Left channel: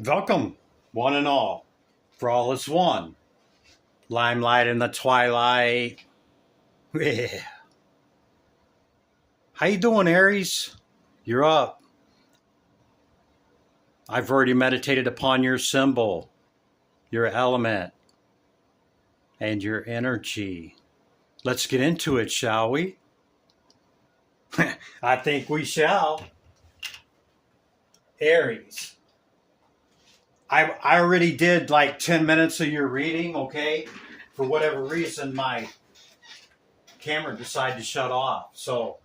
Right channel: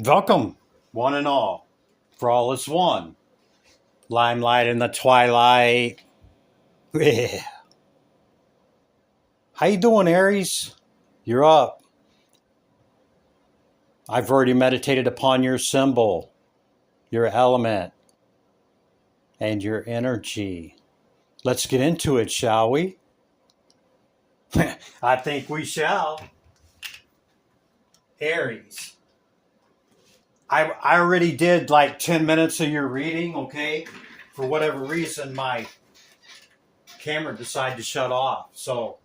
Welcome, one and all, for all is one. Limelight in the twilight. Yeah. How you doing, Aries? You're up. I've already meditated upon your symbol, your element, and your energy. Let's get into it, shall we? I think we shall. Aries. I already did like 10 minutes of your reading, okay? For whatever reason, my camera decided to shut off. So,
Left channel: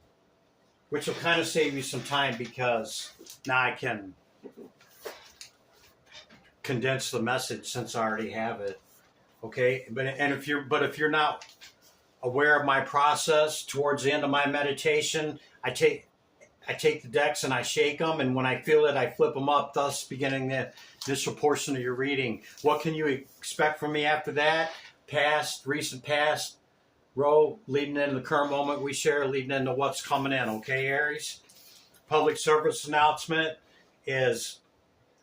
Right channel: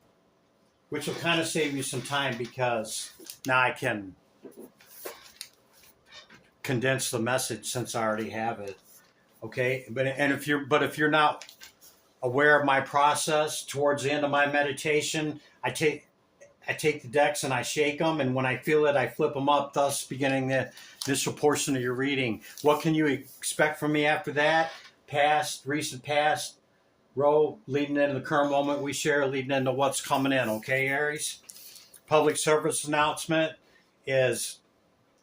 which will kind of save you some time because now I can condense the message since I already have it. Okay, but if you're not aware of my process towards the end of my meditation, I take the decks and I shake them, and when I feel it, I flip them up, thus beginning the initial portion of your reading. What can you expect from me after that? Past, recent past, row, leading into the current moment we share, leading into what's coming in. Okay, Aries? Public service announcement is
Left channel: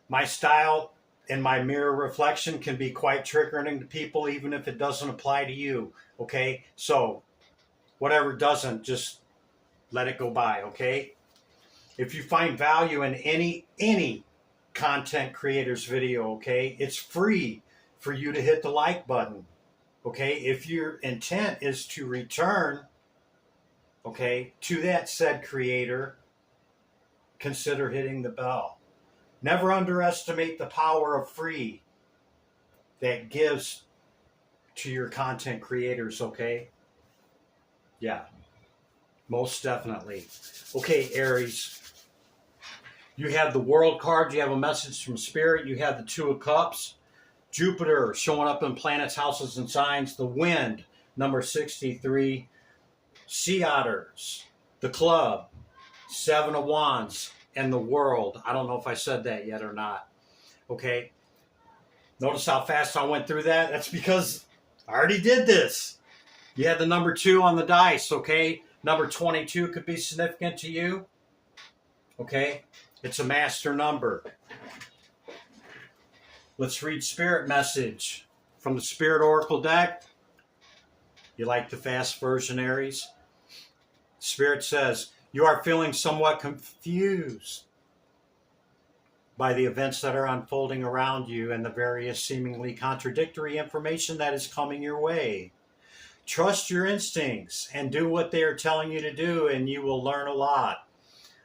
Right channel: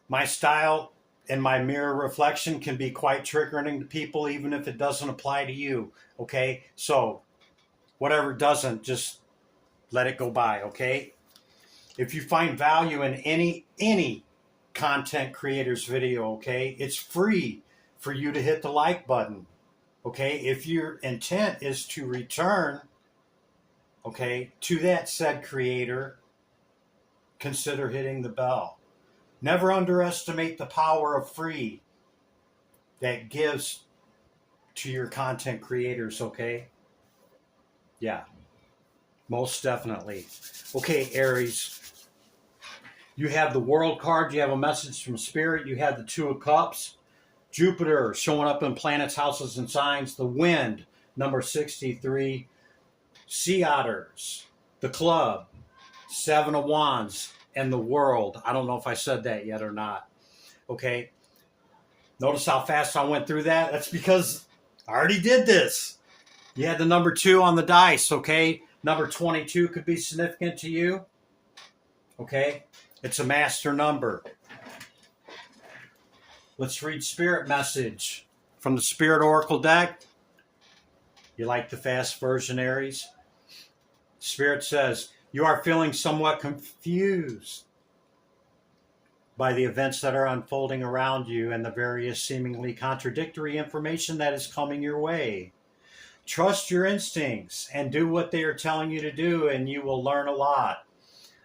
my style and my mirror reflection can be quite triggering to people, even if it doesn't apply to you. Okay? So, whatever doesn't, just let it go by. Okay? If you find value in any content creator's video, okay, it's free for you to hit the like button. Okay? If your intent is to return, okay, to that said creator, consider hitting the bell. Never underestimate the power of free that gives to your content creators, okay? Yeah, most definitely. Okay, Aries, you have the World card, you have a message from Spirit, you have the Two of Cups, Jupiter showing up in planets, houses, and signs, the Wind, number 63, Sea Otters, the Club, Seven of Wands, and the World. I don't know if I said that yet or not. Okay. Notice how fast I went through that? That's because I already did this. You had the number 2 on the dice, okay? Number 22 could be significant to you. Okay? It's a master number. Let's read Spirit message from the Spirit Oracle deck. You like the fast version, Aries? Spirit says, you are feeling somewhat confused by the events that are unfolding around you and the various seemingly contradictory information that is coming your way. Trust your instincts and do what they are telling you to do, and you will learn a lot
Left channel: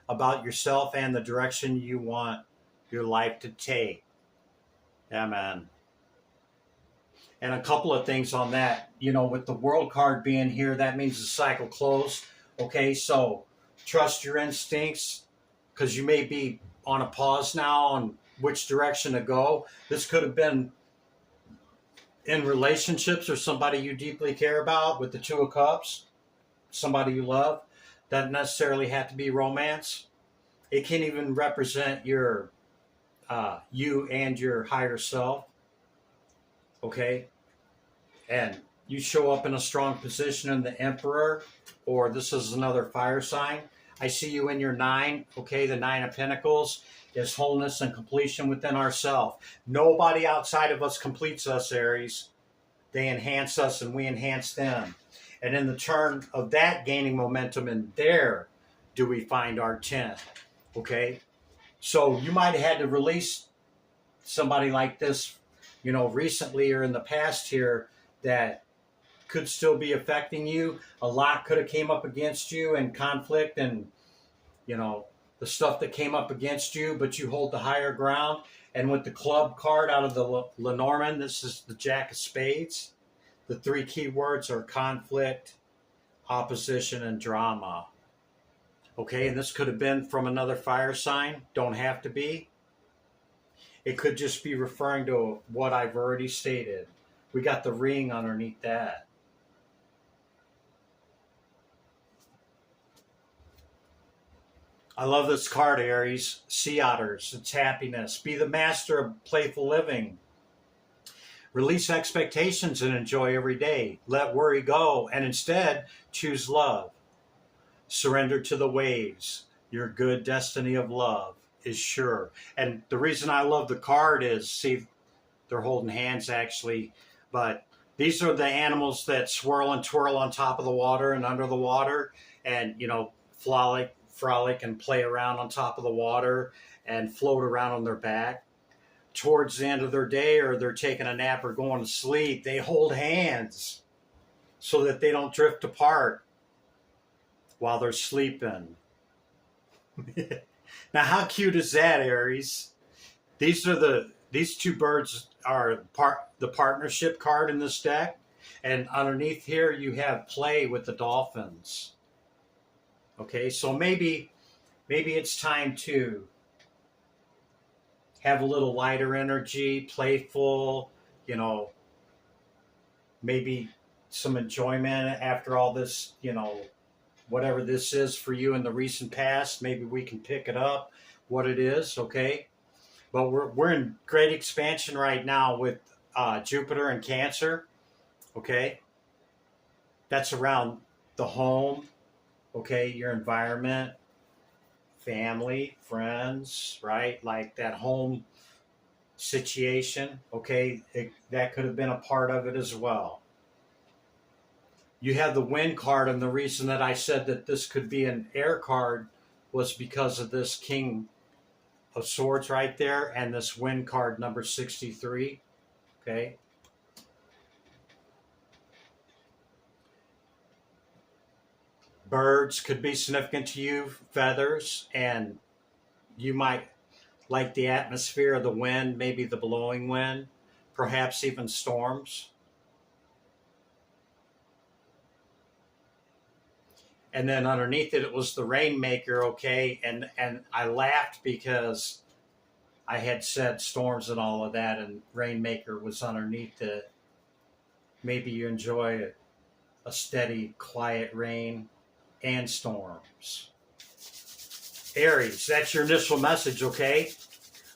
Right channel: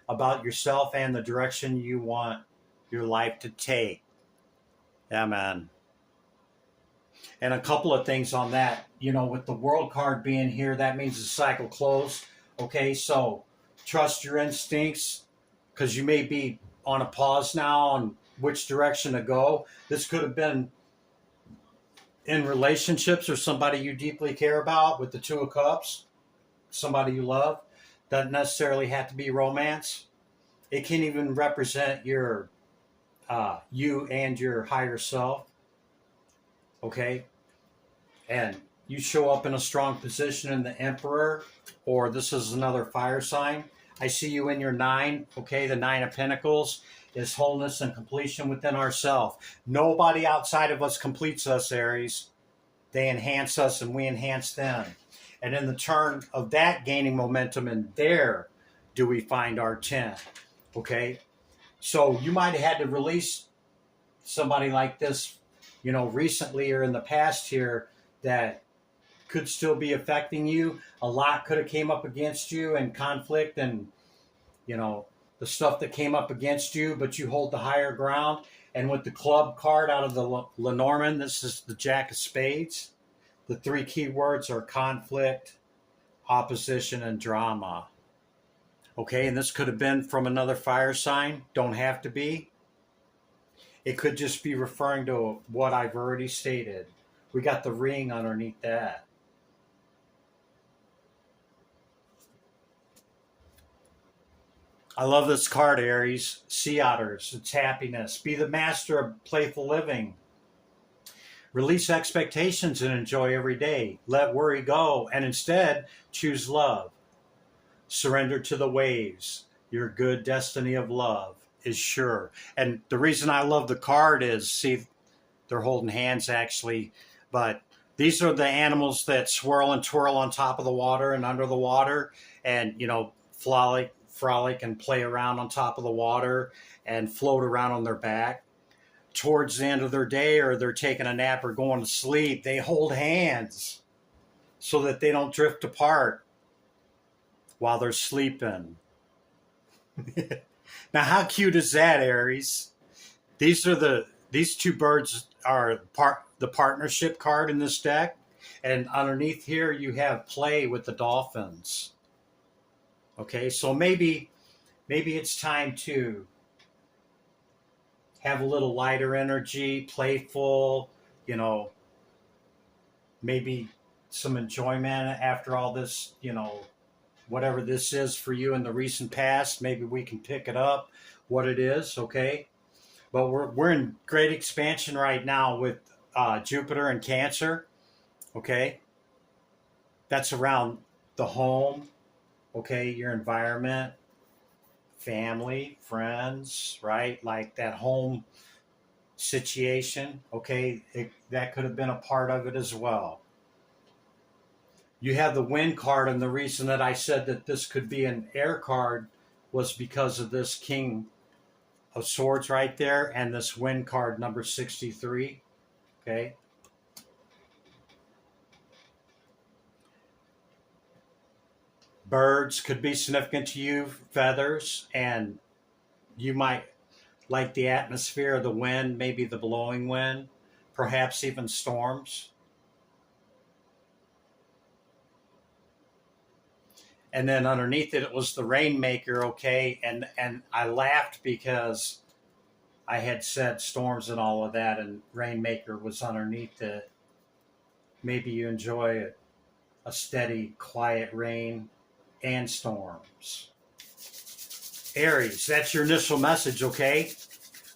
about yourself and the direction you want your life to take. Amen. And a couple of things on that. You know, with the World card being here, that means the cycle closed. Okay, so trust your instincts because you may be on a pause now on which direction to go. This could have been in relationships or somebody you deeply care about with the Two of Cups, somebody you love. Doesn't necessarily have to be romance. It can even represent your you and your higher self. Okay? And you show up in a strong position in the Emperor, or this is another fire sign. I see you in your 9, okay? The 9 of Pentacles is wholeness and completion within ourselves. Nobody outside of us completes us, Aries. They enhance us and we enhance them. And in the turn of that gaining momentum, and there do we find our 10, okay? So you might have had to release somebody like this, you know, recently or in the past here that could still be affecting you. A lot could have came up against you and conflict and, you know, the stuff that came up against you, but you hold the higher ground. And with the Club card out of the Lenormand, this is the Jack of Spades. The 3 key words are conflict, opposition, and drama. Okay, and this could have been from another fire sign. Don't have to be. It could just be referring to what I've already stated. We got the ring underneath that. I love this card, Aries. Sea Otters. It's happiness. Be the master of playful living. Release expectations and enjoy every day. Let worry go and instead choose love. Surrender to the waves. Your good destiny of love is sure. And the reason I love the card is, see, they're holding hands actually, but these are the animals that swirl and twirl on top of the water and under the water, and frolic and play around on top of the water and float around on their back. Towards the end of their day, or they're taking a nap or going to sleep, they hold hands so that they don't drift apart while they're sleeping. Now, how cute is that, Aries? These two birds are the partnership card in this deck, and underneath here you have play with the dolphins. Okay, so maybe it's time to have a little lighter energy, playful, maybe some enjoyment after all this, whatever this is for you in the recent past. Maybe we can pick it up, what it is, okay? But we're in great expansion right now with Jupiter and Cancer, okay? That's around the home, okay, your environment, family, friends, right? Like that home situation, okay? That could have been a part of it as well. You have the Wind card, and the reason that I said that this could be an air card was because of this King of Swords right there and this Wind card number 63, okay? Birds could be significant to you, feathers, and you might like the atmosphere of the wind, maybe the blowing wind, perhaps even storms. And then underneath it was the Rainmaker, okay? And I laughed because I had said storms and all of that, and Rainmaker was underneath it. Maybe you enjoy a steady, quiet rain and storms. Aries, that's your initial message, okay?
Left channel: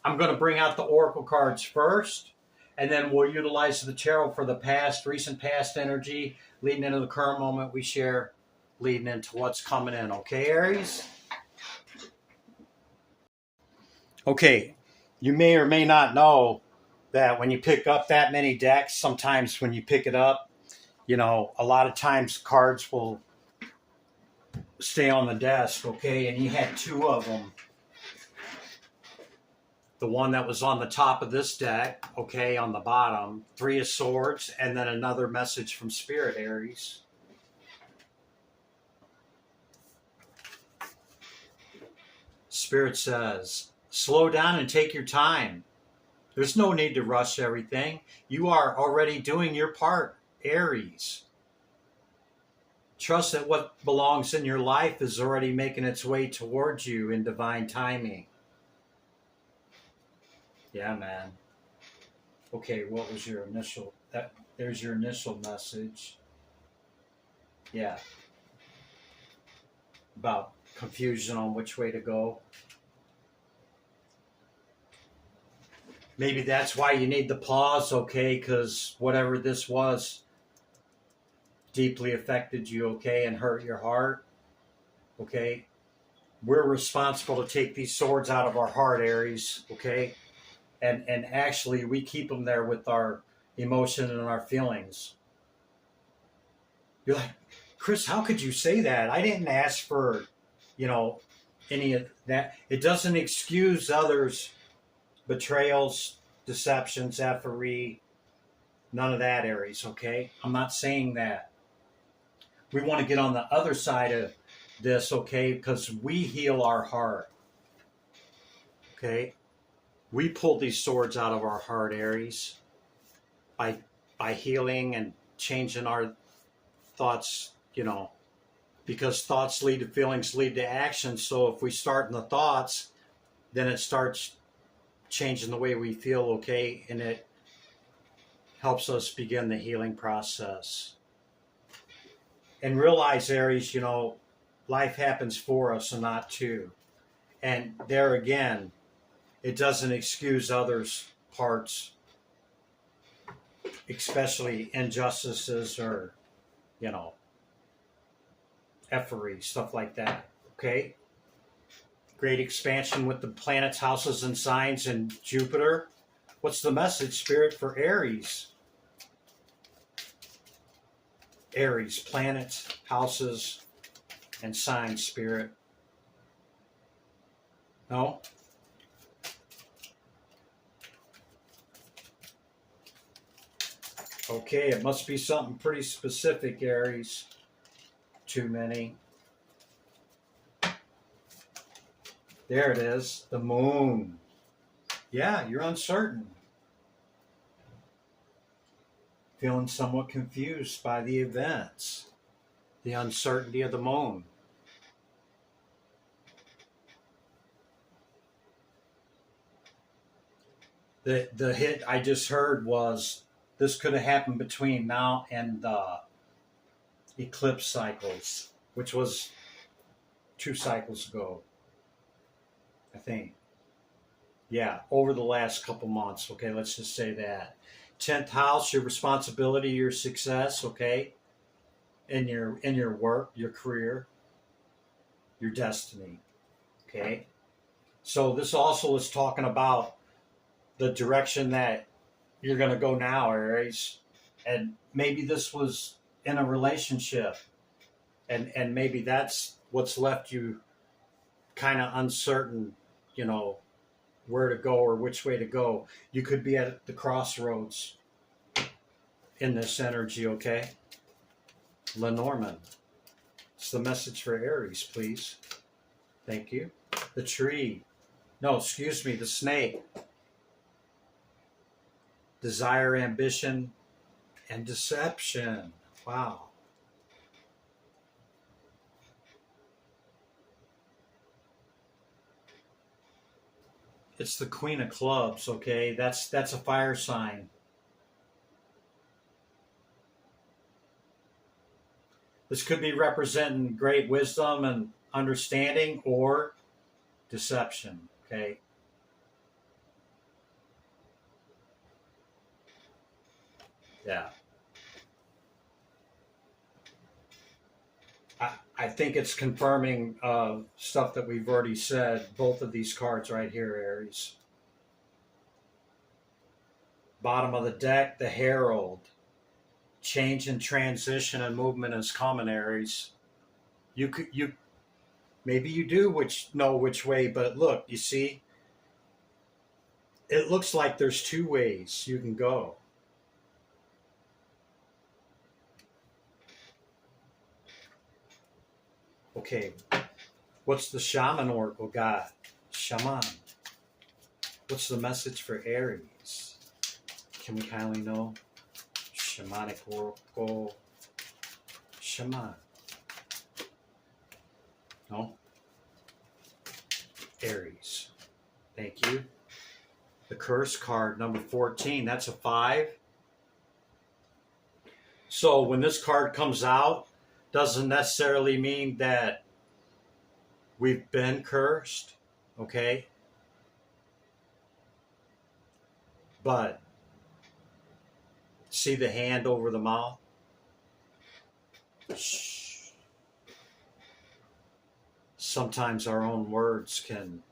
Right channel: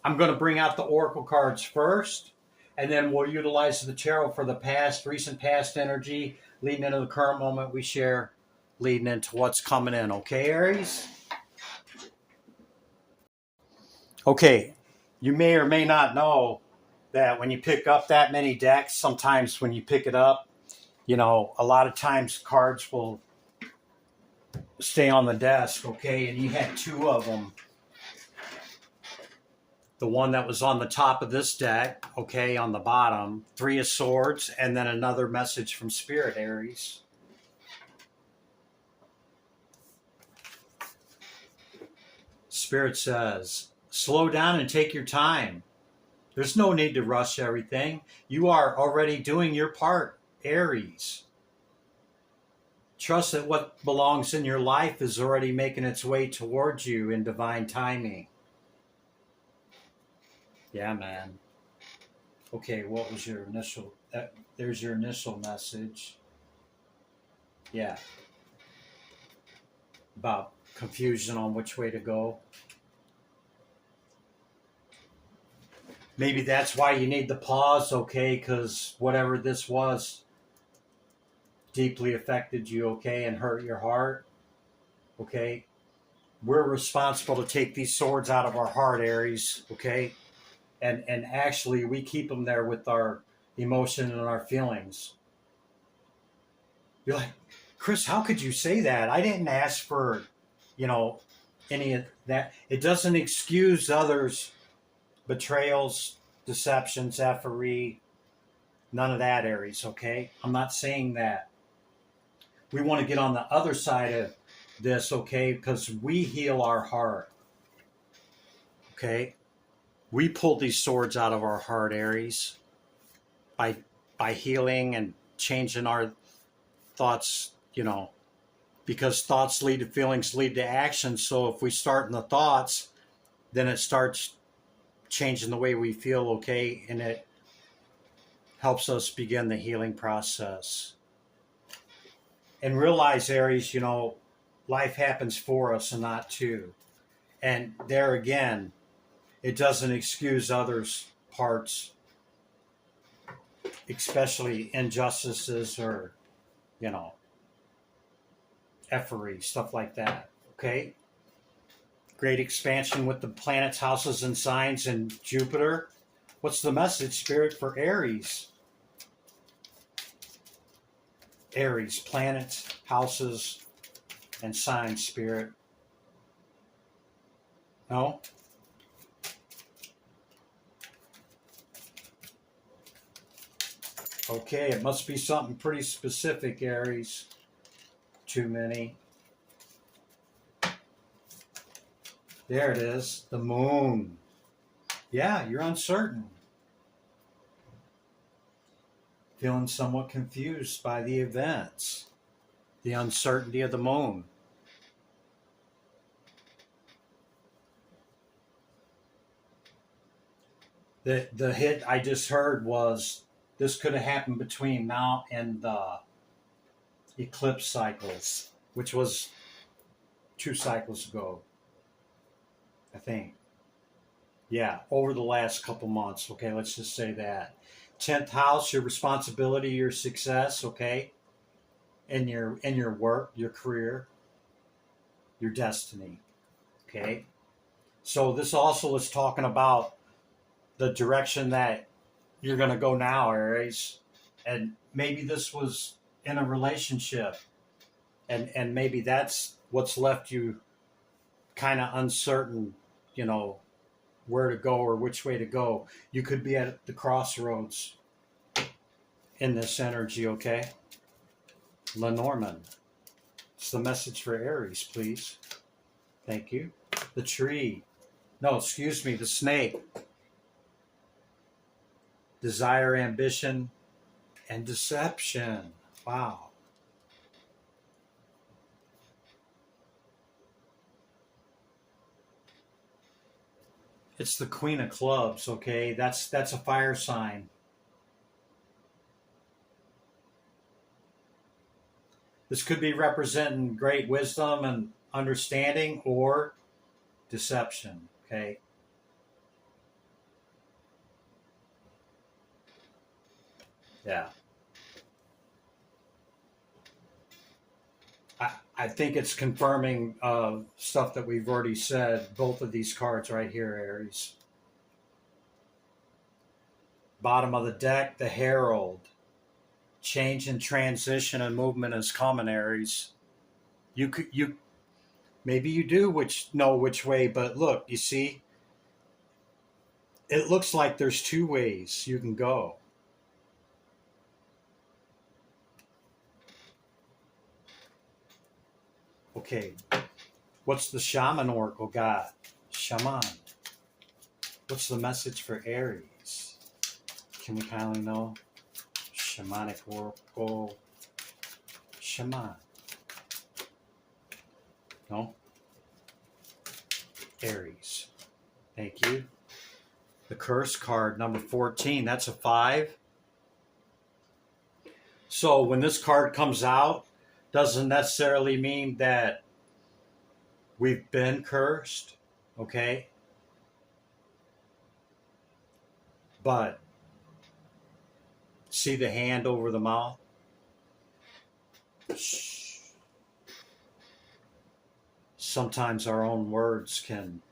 I'm going to bring out the Oracle cards first, and then we'll utilize the tarot for the past, recent past energy, leading into the current moment we share, leading into what's coming in, okay, Aries? Okay, you may or may not know that when you pick up that many decks, sometimes when you pick it up, a lot of times cards will stay on the desk, okay? And you had two of them. The one that was on the top of this deck, okay, on the bottom, Three of Swords, and then another message from Spirit, Aries. Spirit says, slow down and take your time. There's no need to rush everything. You are already doing your part, Aries. Trust that what belongs in your life is already making its way towards you in divine timing. Yeah, man. Okay, what was your initial... there's your initial message. Yeah. About confusion on which way to go. Maybe that's why you need the pause, okay? Because whatever this was deeply affected you, okay, and hurt your heart, okay? We're responsible to take these swords out of our heart, Aries, okay? And actually, we keep them there with our emotion and our feelings. You're like, Chris, how could you say that? I didn't ask for, any of that. It doesn't excuse others' betrayals, deceptions, effery, none of that, Aries, okay? I'm not saying that. We want to get on the other side of this, okay? Because we heal our heart, okay? We pull these swords out of our heart, Aries, by healing and changing our thoughts, because thoughts lead to feelings, lead to action. So if we start in the thoughts, then it starts changing the way we feel, okay? And it helps us begin the healing process. And realize, Aries, life happens for us and not to. And there again, it doesn't excuse others' parts, especially injustices or, effery, stuff like that, okay? great expansion with the planets, houses, and signs, and Jupiter. What's the message, Spirit, for Aries? Aries, planets, houses, and signs, Spirit. No? Okay, it must be something pretty specific, Aries. Too many. There it is, the moon. Yeah, you're uncertain. Feeling somewhat confused by the events. The uncertainty of the moon. The hit I just heard was this could have happened between now and the eclipse cycles, which was 2 cycles ago, I think. Yeah, over the last couple months. Okay, let's just say that. 10th house, your responsibility, your success, okay? In your work, your career, your destiny. Okay? So this also is talking about the direction that you're going to go now, Aries. And maybe this was in a relationship. And maybe that's what's left you kind of uncertain, you know, where to go or which way to go. You could be at the crossroads in this energy, okay? Lenormand. It's the message for Aries, please. Thank you. The tree. No, excuse me, the snake. Desire, ambition, and deception. Wow. It's the Queen of Clubs, okay? That's a fire sign. This could be representing great wisdom and understanding or deception, okay? Yeah. I think it's confirming stuff that we've already said, both of these cards right here, Aries. Bottom of the deck, the Herald. Change and transition and movement is common, Aries. You maybe you do know which way, but look, you see, it looks like there's 2 ways you can go. Okay, what's the Shaman Oracle got? Shaman. What's the message for Aries? Can we kindly know? Shamanic Oracle. Shaman. No? Aries. Thank you. The curse card, number 14. That's a 5. So when this card comes out, doesn't necessarily mean that we've been cursed, okay? But see the hand over the mouth? Sometimes our own words can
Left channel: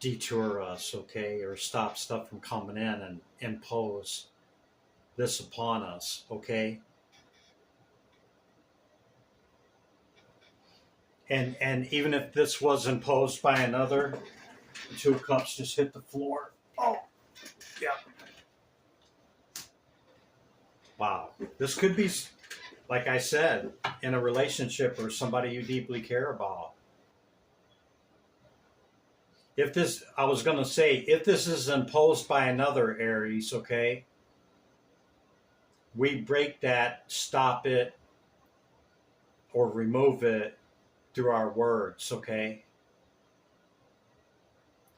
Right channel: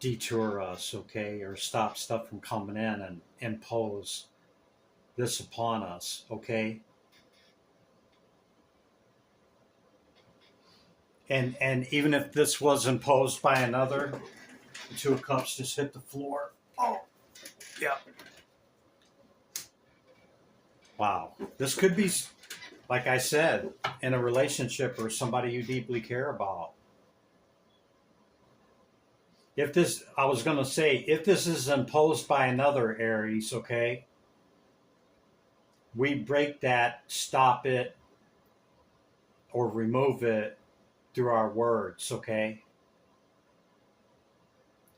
detour us, okay, or stop stuff from coming in and impose this upon us, okay? And even if this was imposed by another, the 2 of Cups just hit the floor. Oh, yeah. Wow. This could be, like I said, in a relationship or somebody you deeply care about. If this, I was going to say, if this is imposed by another, Aries, okay, we break that, stop it, or remove it through our words, okay?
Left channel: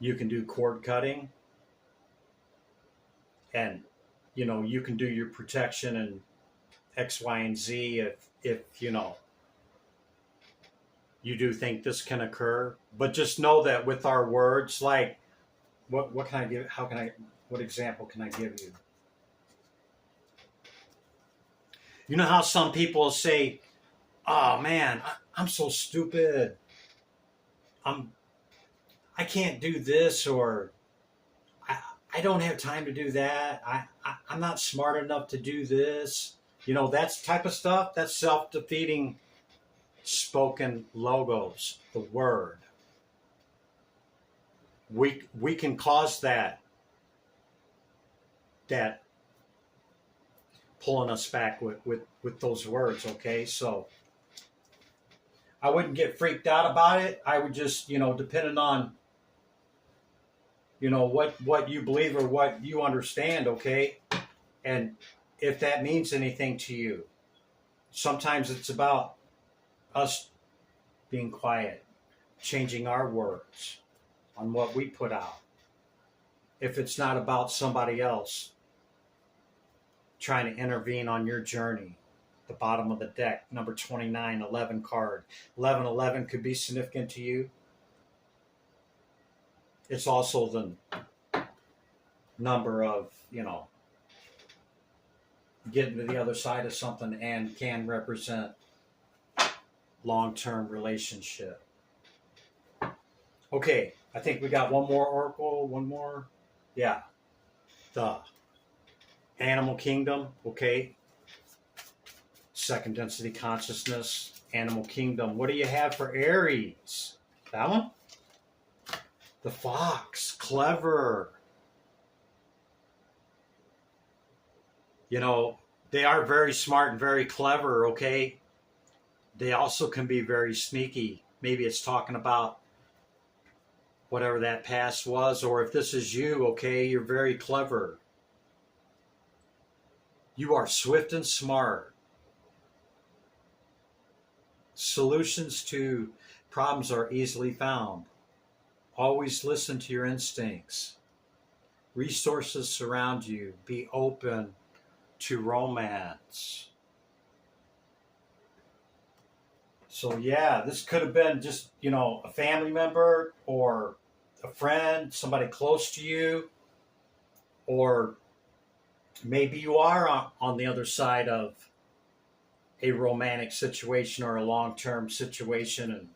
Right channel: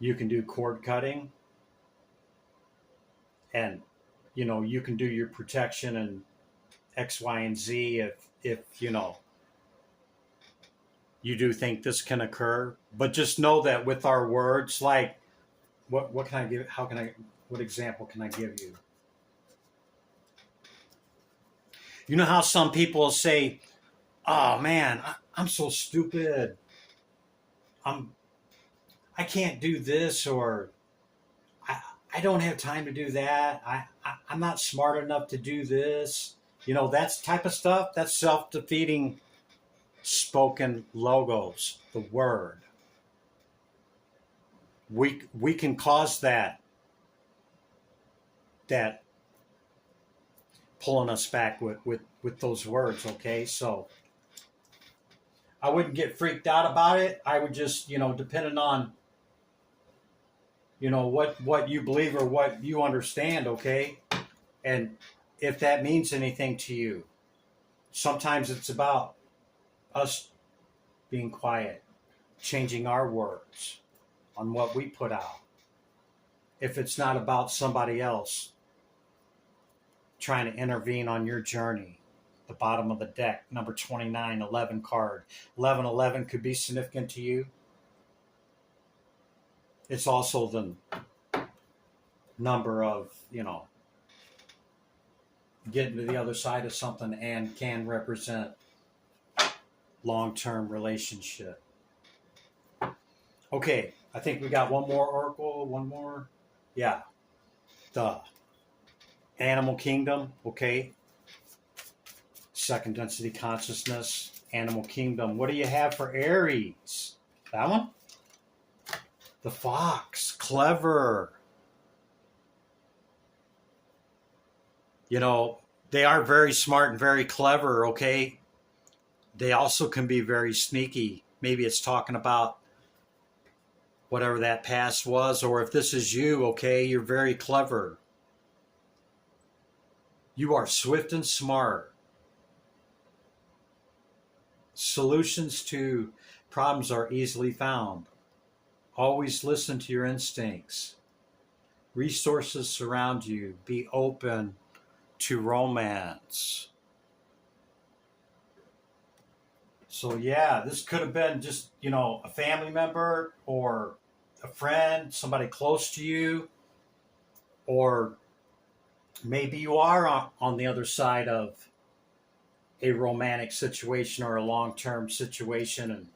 You can do cord cutting, and, you know, you can do your protection and X, Y, and Z if you know, you do think this can occur. But just know that with our words, like, what can I give, what example can I give you? You know how some people say, oh man, I'm so stupid. I can't do this, or I, I don't have time to do that. I'm not smart enough to do this. You know, that's type of stuff. That's self-defeating spoken logos, the word. We can cause that pulling us back with those words, okay? So I wouldn't get freaked out about it. I would just, depending on, what you believe or what you understand, okay? And if that means anything to you. Sometimes it's about us being quiet, changing our words on what we put out. If it's not about somebody else trying to intervene on your journey, the bottom of the deck, number 29, 11 card. 1111 could be significant to you. It's also the number of, getting to the other side of something, and can represent long-term relationship. Okay, I think we got one more oracle, one more. Yeah, the animal kingdom, okay. Second density consciousness, animal kingdom. What do you have for Aries? That one? The fox, clever. They are very smart and very clever, okay? They also can be very sneaky. Maybe it's talking about whatever that past was, or if this is you, okay, you're very clever. You are swift and smart. Solutions to problems are easily found. Always listen to your instincts. Resources surround you. Be open to romance. So yeah, this could have been just, a family member or a friend, somebody close to you, or maybe you are on the other side of a romantic situation or a long-term situation, and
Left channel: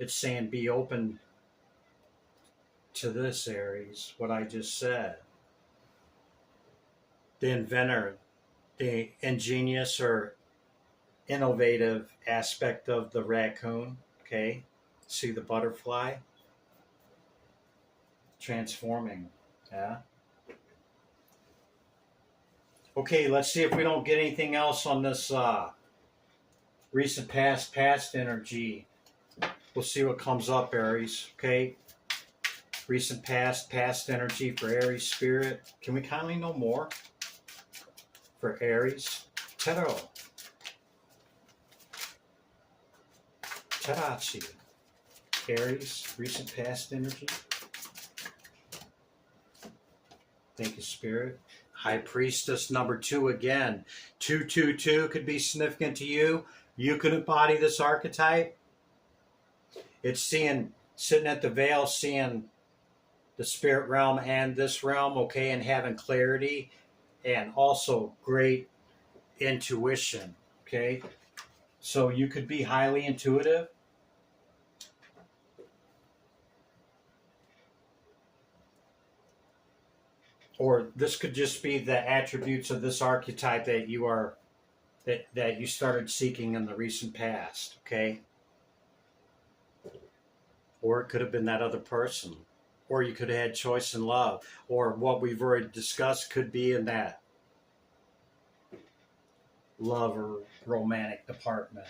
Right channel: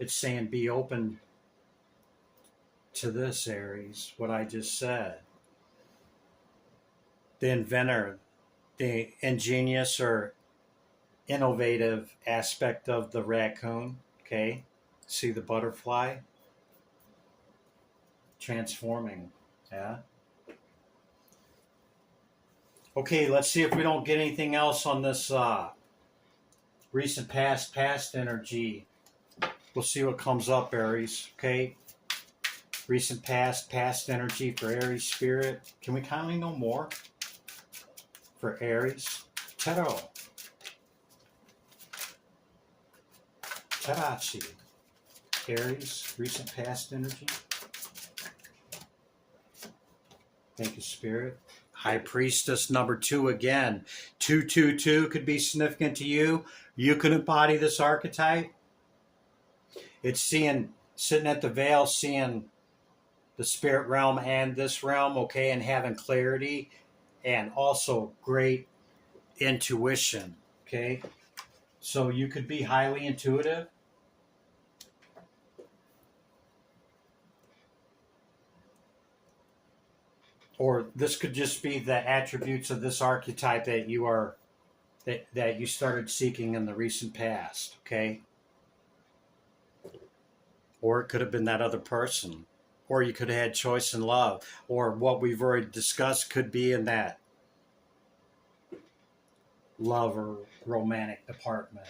it's saying be open to this, Aries, what I just said. The inventor, the ingenious or innovative aspect of the raccoon, okay? See the butterfly? Transforming, yeah? Okay, let's see if we don't get anything else on this recent past energy. We'll see what comes up, Aries, okay? Recent past energy for Aries spirit. Can we kindly know more for Aries Tarot? Tarachi. Aries, recent past energy. Thank you, Spirit. High Priestess number 2 again. 222 could be significant to you. You could embody this archetype. It's sitting at the veil, seeing the spirit realm and this realm, okay, and having clarity and also great intuition, okay? So you could be highly intuitive. Or this could just be the attributes of this archetype that you started seeking in the recent past, okay? Or it could have been that other person. Or you could have had choice in love. Or what we've already discussed could be in that love or romantic department.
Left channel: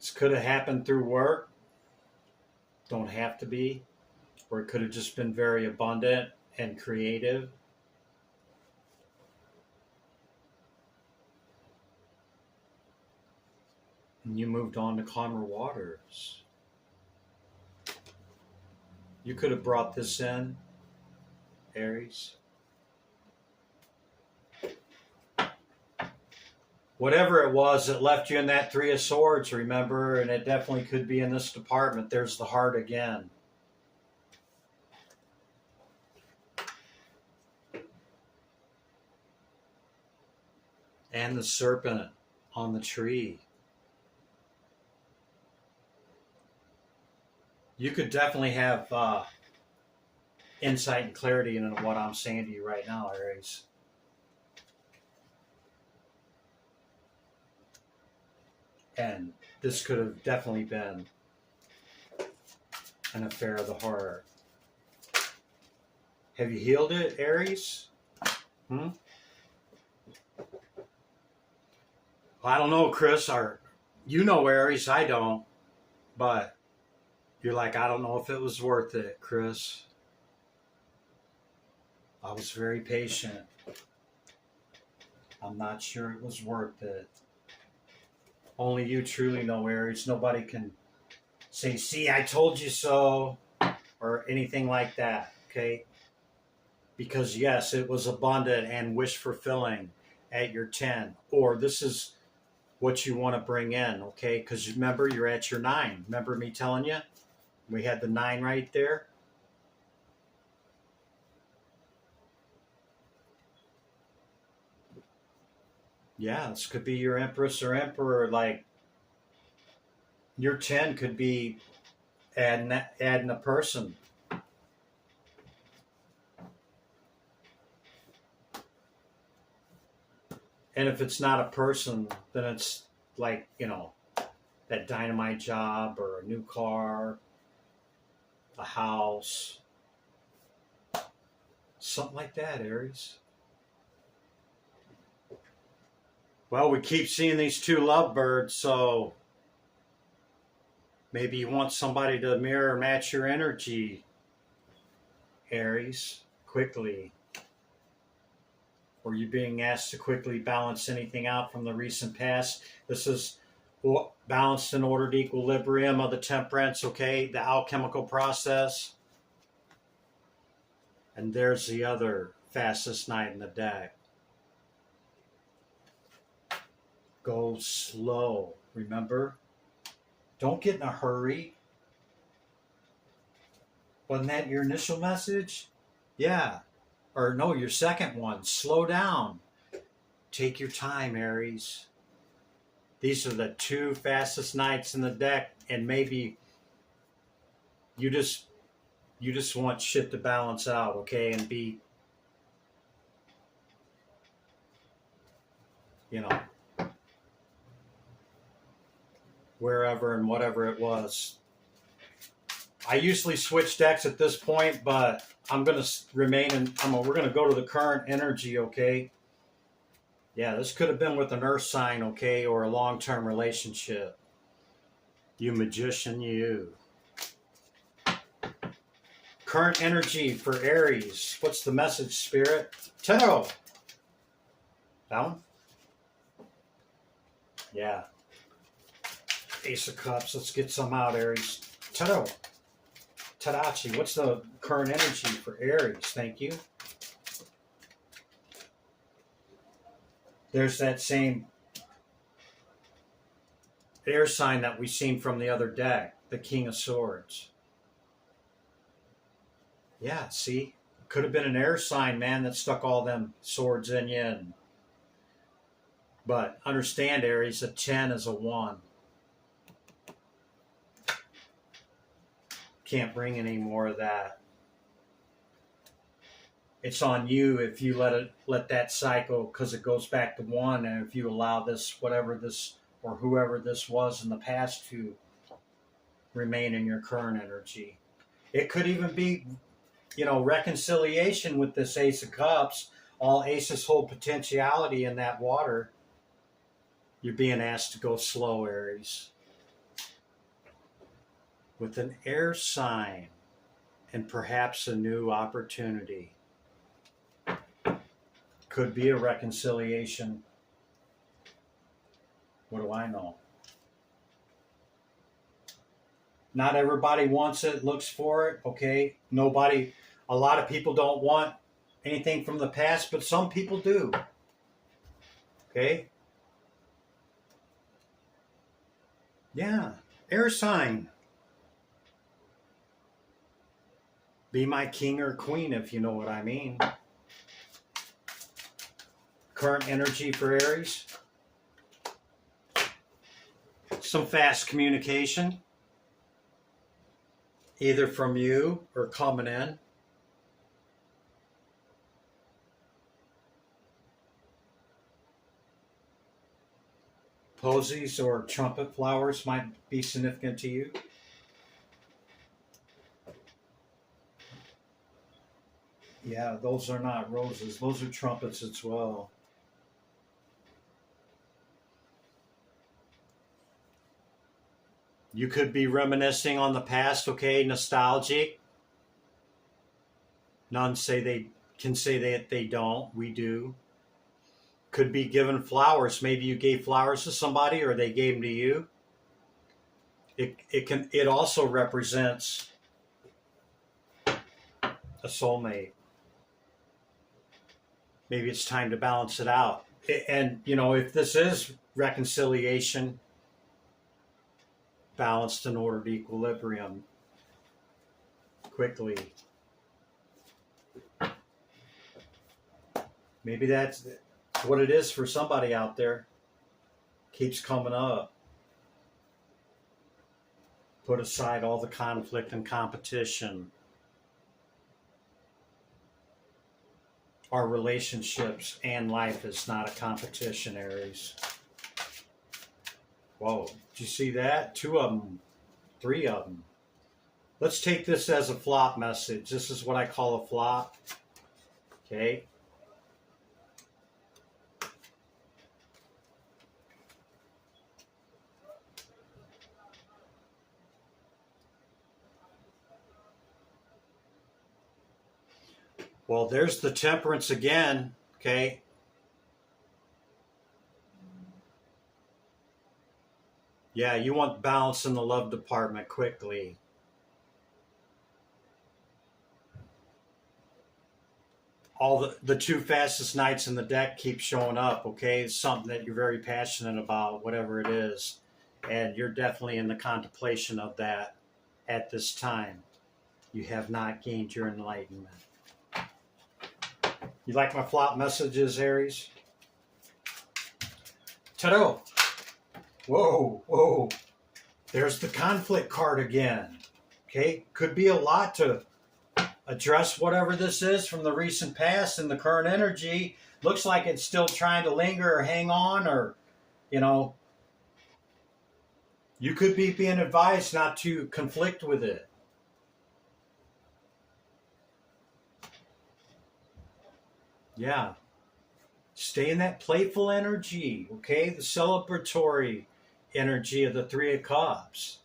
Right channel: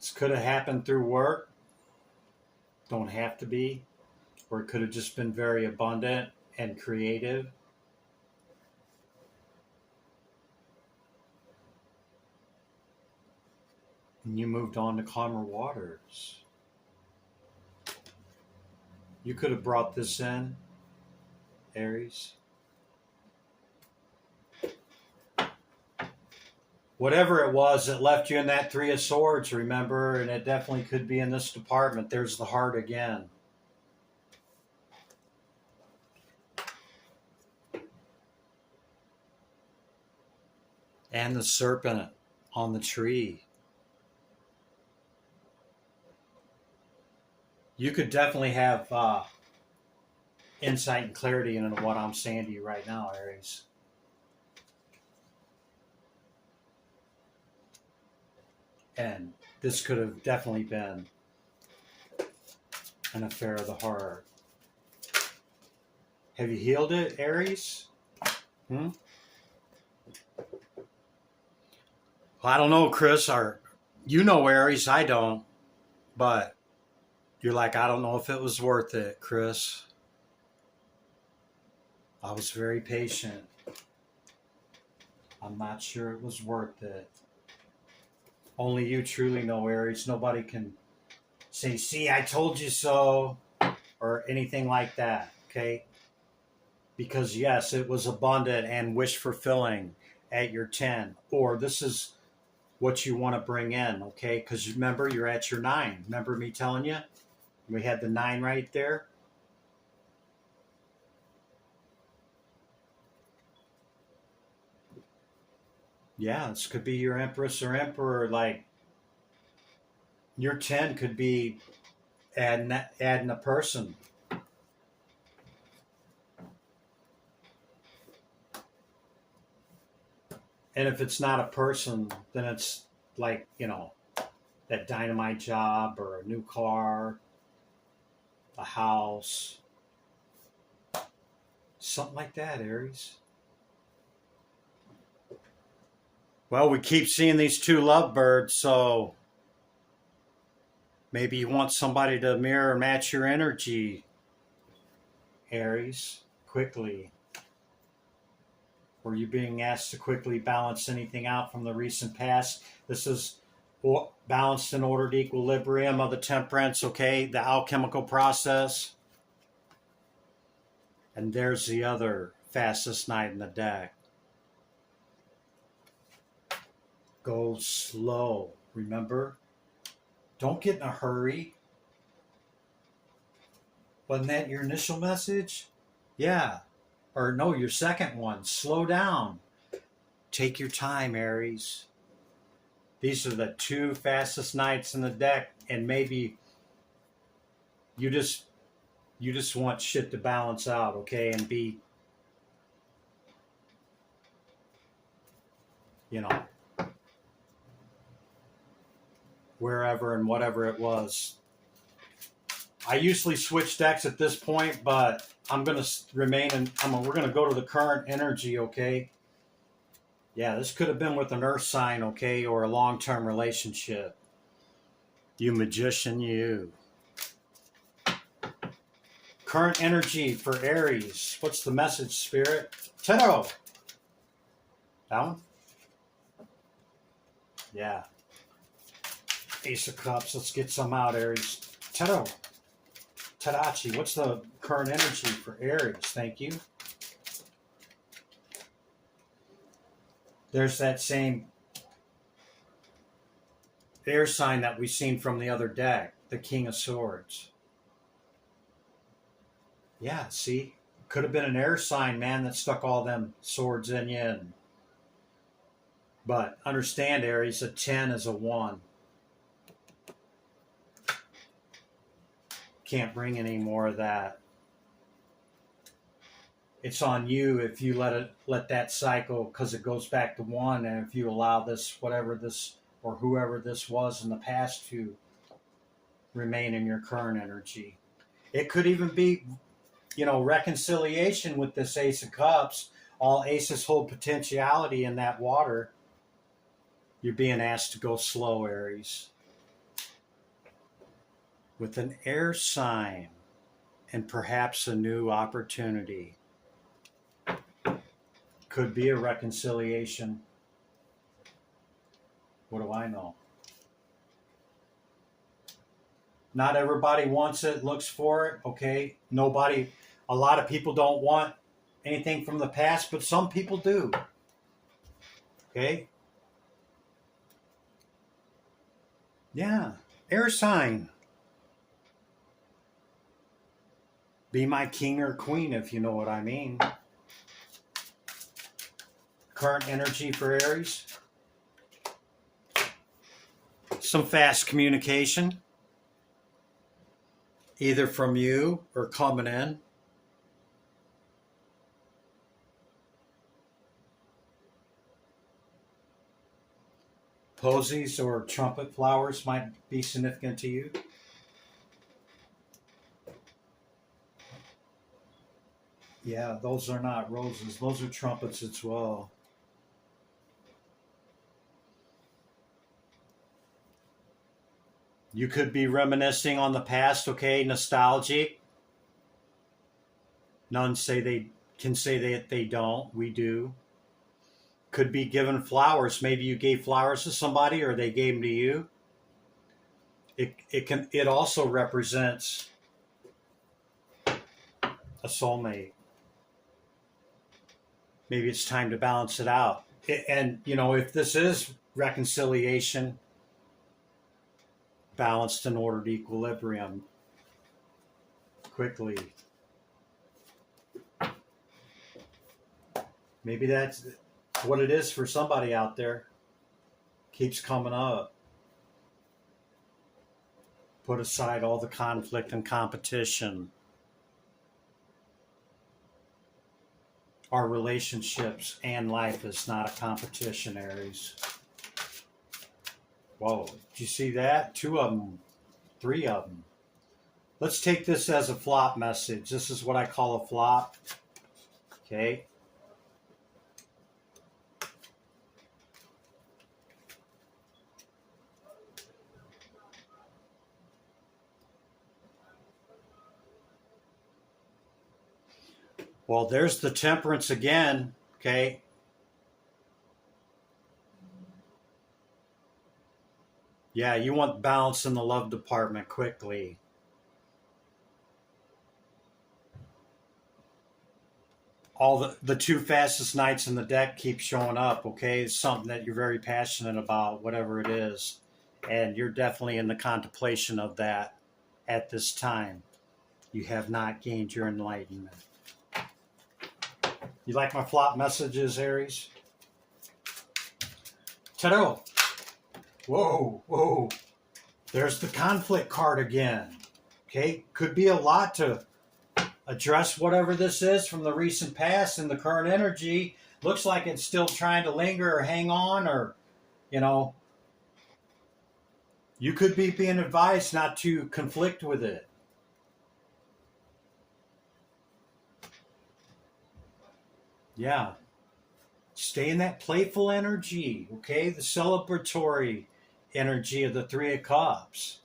This could have happened through work. Don't have to be. Or it could have just been very abundant and creative. And you moved on to calmer waters. You could have brought this in, Aries. Whatever it was that left you in that 3 of Swords, remember, and it definitely could be in this department. There's the heart again. And the serpent on the tree. You could definitely have insight and clarity into what I'm saying to you right now, Aries. And this could have definitely been an affair of the heart. Have you healed it, Aries? Well, I don't know, Chris. You know Aries, I don't. But you're like, I don't know if it was worth it, Chris. I was very patient. I'm not sure it was worth it. Only you truly know, Aries. Nobody can say, see, I told you so, or anything like that, okay? Because, yes, it was abundant and wish-fulfilling at your 10. Or this is what you want to bring in, okay? Because remember, you're at your 9. Remember me telling you? We had the 9 right there. Yeah, this could be your Empress or Emperor. Like, your 10 could be adding a person. And if it's not a person, then it's like, that dynamite job or a new car, a house, something like that, Aries. Well, we keep seeing these 2 lovebirds, so maybe you want somebody to mirror match your energy, Aries, quickly. Or you being asked to quickly balance anything out from the recent past. This is balanced and ordered equilibrium of the temperance, okay? The alchemical process. And there's the other fastest knight in the deck. Go slow, remember? Don't get in a hurry. Wasn't that your initial message? Yeah. Or no, your second one. Slow down. Take your time, Aries. These are the 2 fastest knights in the deck, and maybe you just want shit to balance out, okay, and be, wherever and whatever it was. I usually switch decks at this point, but I'm going to remain in, we're going to go to the current energy, okay? Yeah, this could have been with an earth sign, okay, or a long-term relationship. You magician, you. Current energy for Aries. What's the message, Spirit? Tarot. Down? Yeah. Ace of Cups. Let's get some out, Aries. Tarot. Tadachi. What's the current energy for Aries? Thank you. There's that same air sign that we've seen from the other deck, the King of Swords. Yeah, see? Could have been an air sign, man, that stuck all them swords in you. But understand, Aries, a 10 is a 1. Can't bring any more of that. It's on you if you let that cycle, because it goes back to 1, and if you allow this, whatever this or whoever this was in the past, to remain in your current energy. It could even be, reconciliation with this Ace of Cups. All aces hold potentiality in that water. You're being asked to go slow, Aries. With an air sign and perhaps a new opportunity. Could be a reconciliation. What do I know? Not everybody wants it, looks for it, okay? A lot of people don't want anything from the past, but some people do. Okay? Yeah. Air sign. Be my king or queen, if you know what I mean. current energy for Aries. Some fast communication, either from you or coming in. Posies or trumpet flowers might be significant to you. Yeah, those are not roses. Those are trumpets as well. You could be reminiscing on the past, okay, nostalgic. None say they can say that they don't. We do. Could be given flowers. Maybe you gave flowers to somebody or they gave them to you. It also represents a soulmate. Maybe it's time to balance it out. And you know, if this is reconciliation, balanced and ordered equilibrium, quickly. Maybe that's what it is for somebody out there. Keeps coming up. Put aside all the conflict and competition. Our relationships and life is not a competition, Aries. Whoa, did you see that? 2 of them, 3 of them. Let's take this as a flop message. This is what I call a flop. Okay. Well, there's the Temperance again, okay? Yeah, you want balance in the love department quickly. All the 2 fastest knights in the deck keep showing up, okay? It's something that you're very passionate about, whatever it is. And you're definitely in the contemplation of that at this time. You have not gained your enlightenment. You like my flop messages, Aries? Tarot. Whoa, whoa. There's the conflict card again. Okay, could be a lot to address whatever this is from the recent past and the current energy. Looks like it's still trying to linger or hang on, or, you know, you could be being advised not to conflict with it. Yeah. Stay in that playful energy, okay? The celebratory energy of the 3 of Cups.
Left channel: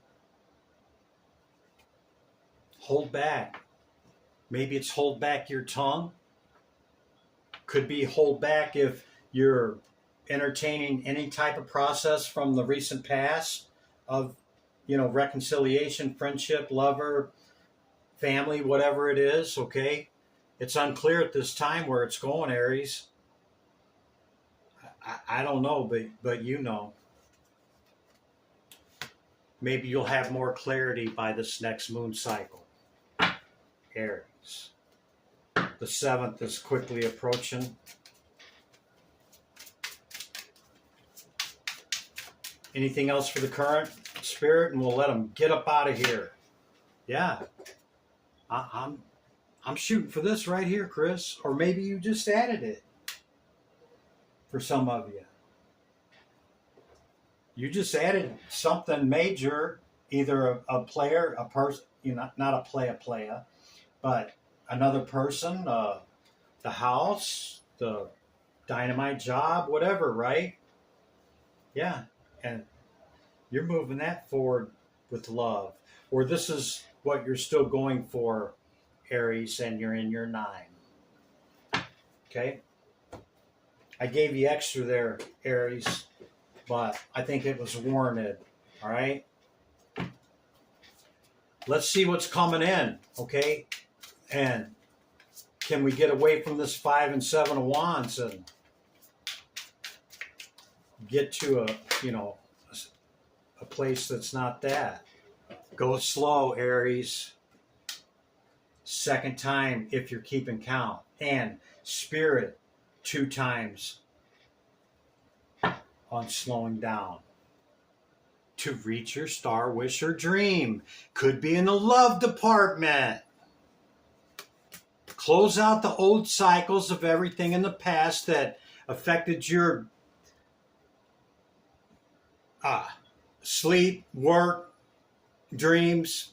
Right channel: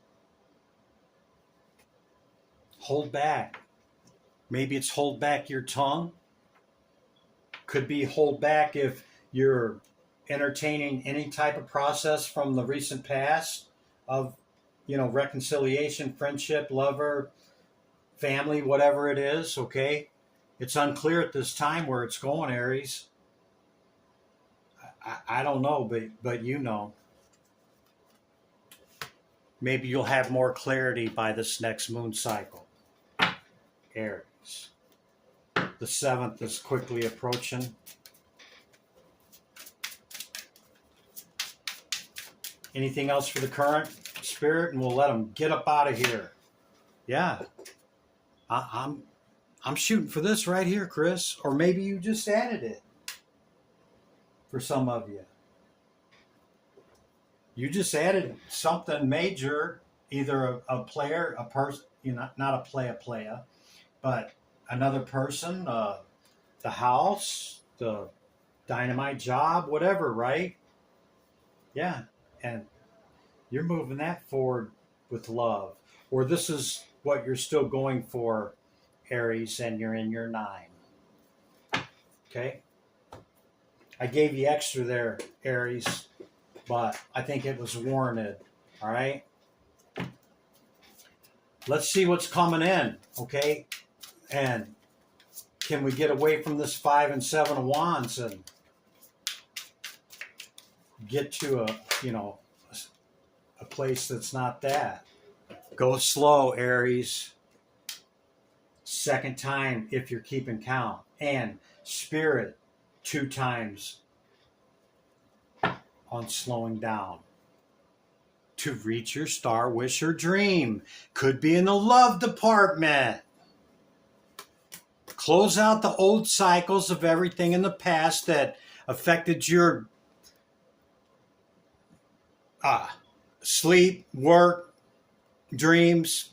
Hold back. Maybe it's hold back your tongue. Could be hold back if you're entertaining any type of process from the recent past of, you know, reconciliation, friendship, lover, family, whatever it is, okay? It's unclear at this time where it's going, Aries. I don't know, but you know. Maybe you'll have more clarity by this next moon cycle, Aries. The 7th is quickly approaching. Anything else for the current, Spirit? And we'll let them get up out of here. Yeah. I'm shooting for this right here, Chris. Or maybe you just added it for some of you. You just added something major, either a player, a person, you know, not a player, but another person, the house, the dynamite job, whatever, right? Yeah, and you're moving that forward with love. Or this is what you're still going for, Aries, and you're in your 9. Okay? I gave you extra there, Aries, but I think it was warranted. All right? Let's see what's coming in, okay? And can we get away from this 5 and 7 of Wands and get to a place that's not that? Go slow, Aries. Second time if you're keeping count. And Spirit 2 times on slowing down to reach your star, wish, or dream. Could be in the love department. Close out the old cycles of everything in the past that affected your sleep, work, dreams,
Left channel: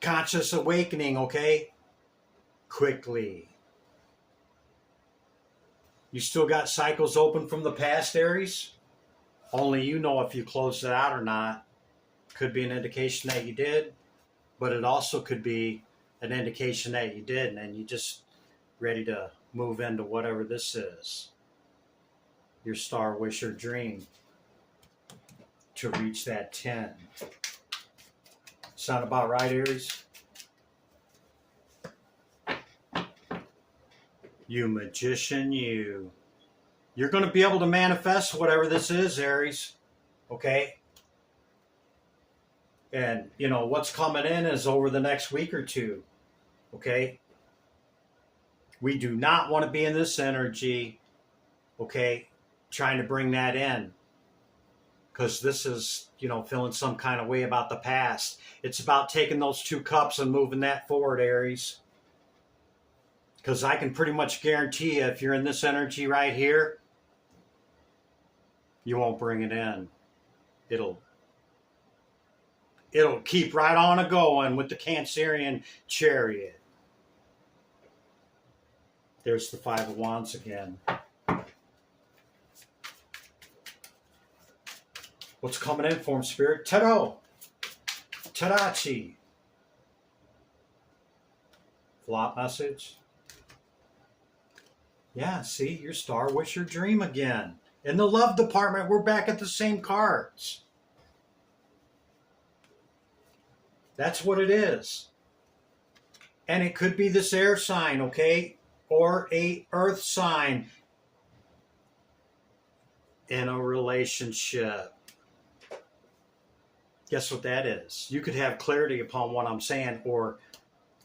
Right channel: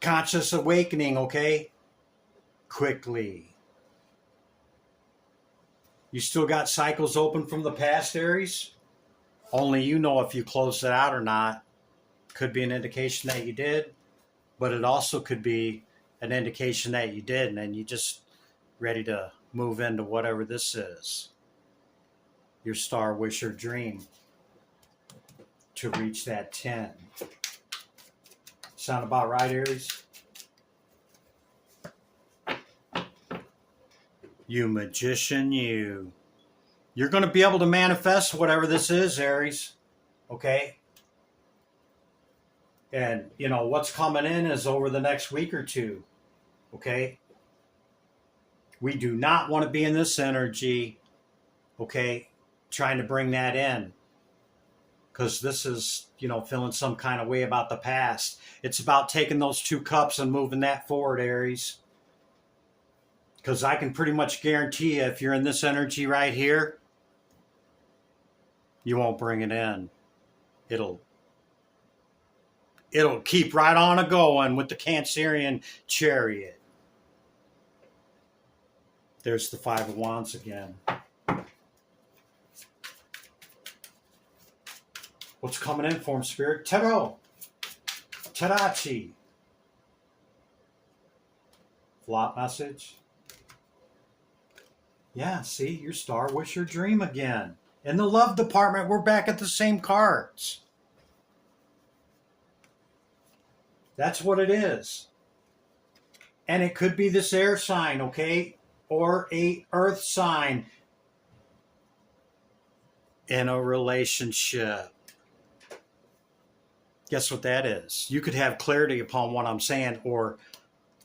conscious awakening, okay? Quickly. You still got cycles open from the past, Aries? Only you know if you closed it out or not. Could be an indication that you did, but it also could be an indication that you didn't, and you just ready to move into whatever this is. Your star, wish, or dream to reach that 10. Sound about right, Aries? You magician, you. You're going to be able to manifest whatever this is, Aries. Okay? And, you know, what's coming in is over the next week or two. Okay? We do not want to be in this energy, okay, trying to bring that in. Because this is, you know, feeling some kind of way about the past. It's about taking those 2 cups and moving that forward, Aries. Because I can pretty much guarantee you, if you're in this energy right here, you won't bring it in. It'll keep right on a going with the Cancerian chariot. There's the 5 of Wands again. What's coming in for him, Spirit? Tarot. Tarachi. Flop message. Yeah, see, your star, wish, your dream again. In the love department, we're back at the same cards. That's what it is. And it could be this air sign, okay? Or a earth sign in a relationship. Guess what that is? You could have clarity upon what I'm saying, or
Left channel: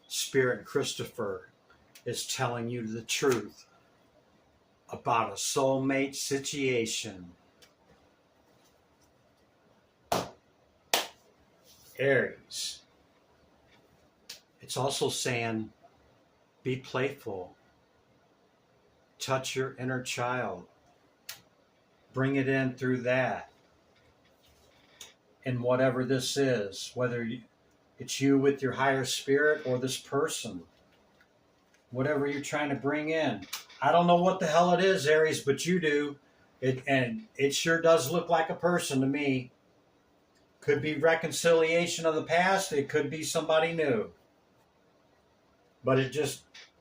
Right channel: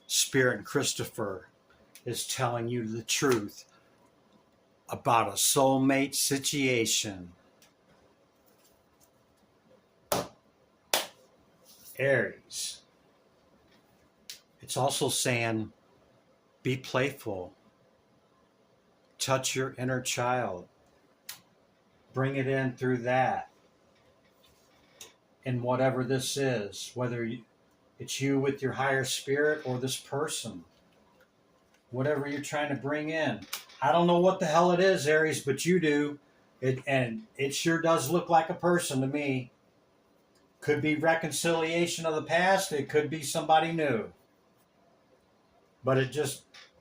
Spirit Christopher is telling you the truth about a soulmate situation. Aries. It's also saying, be playful. Touch your inner child. Bring it in through that. And whatever this is, whether it's you with your higher spirit or this person, whatever you're trying to bring in. I don't know what the hell it is, Aries, but you do. And it sure does look like a person to me. Could be reconciliation of the past. It could be somebody new. But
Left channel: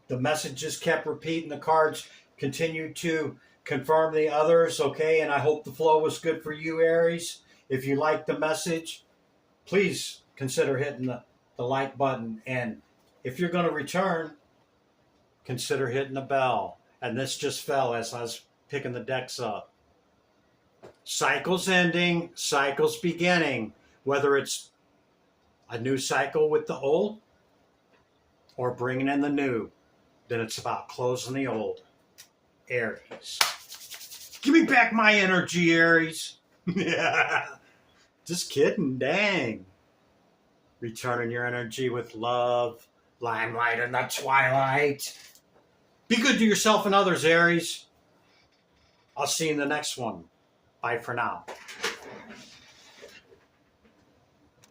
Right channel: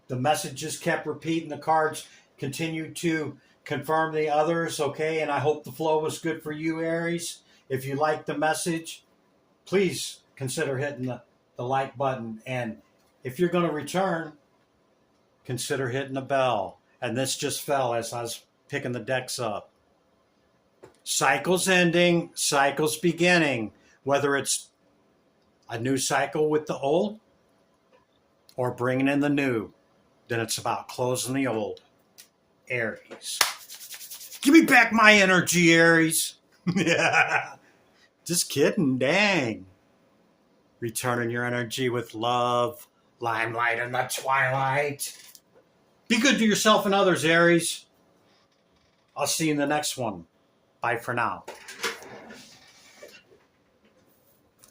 the message just kept repeating. The cards continued to confirm the others, okay? And I hope the flow was good for you, Aries. If you like the message, please consider hitting the like button. And if you're going to return, consider hitting the bell. And this just fell as I was picking the decks up. Cycles ending, cycles beginning. Whether it's a new cycle with the old or bringing in the new, then it's about closing the old. Aries. Give me back my energy, Aries. Just kidding, dang. Returning your energy with love, limelight in the twilight. Be good to yourself and others, Aries. I'll see you in the next one. Bye for now.